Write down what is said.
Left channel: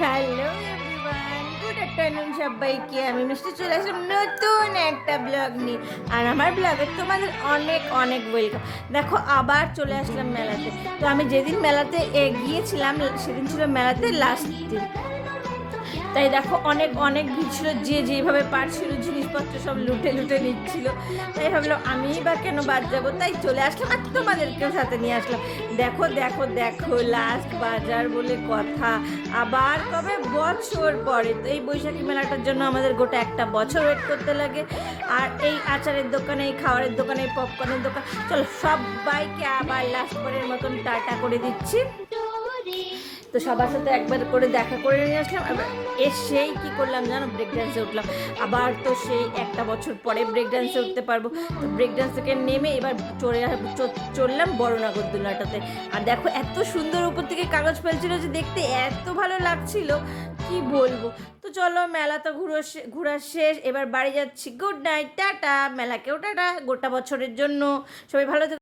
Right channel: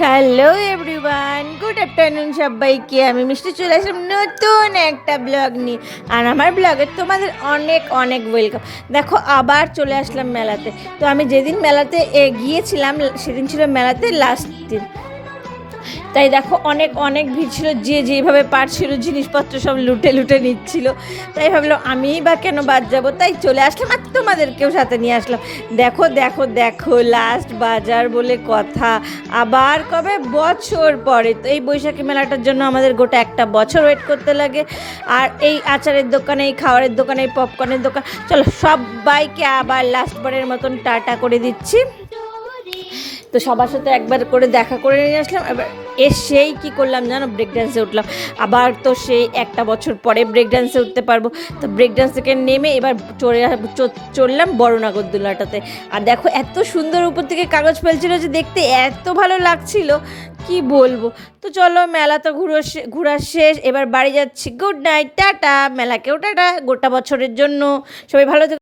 Hello everyone, good afternoon সবাইকে। আমি মিষ্টি চলে আসলাম নতুন একটা ব্লগ নিয়ে। আর আমার ব্লগে তোমাদের অনেক অনেক ওয়েলকাম। দেখো আবার চলে আসলাম মেলাতে। তো আমি যেদিন মেলাতে গিয়েছিলাম সেদিন ছিল মেলাতে লাস্ট দিন। তাই দেখো অনেক অনেক ভিড় ছিল, যে যেভাবে পারছিল জিনিসপত্র সব লুটে লুটে নিচ্ছিল। তাই ভাবলাম আমিই বা কেন বাদ যাবো, তাই চলে আসলাম আর তোমাদেরকেও সাথে নিয়ে আসলাম। দেখো দেখো দেখো, লাস্ট বাজার বলে কথা। আবার কবে বছর পরে, তো এই বৈশাখী মেলাটার জন্য আমাদের গোটা একটা বছর ওয়েট করতে লাগে। আর এই আচারের দোকানে, এই খাবারের দোকানে, এই পপকর্নের দোকান, চলো সবাইকে আবার লাস্ট বারের মতন টাটা করে দিচ্ছি। তো সবার সাথে একবার করে দেখা করে নিয়ে আসলাম। এবার এসেই কী করলাম জানো, ব্রেক ডান্সে উঠলাম। আবার তো সেই একটা বছর পরে ব্রেক ডান্সে উঠতে পারবো। তো ব্রেক ডান্স থেকে নেমে এবার চললাম বড় নাগরদোলাটাতে। আর দেখো এত সুন্দর উপর থেকে কাগজ ফেলছিল যে দেখতে এত ভালো লাগছিল, কি বলবো। তো চলো মেলা তো ঘোরা শেষ, এবার বাড়ি যাচ্ছি। Good night, tata. মেলাকেও টাটা গোটা বছরের জন্য। সবাই ভালো থেকো।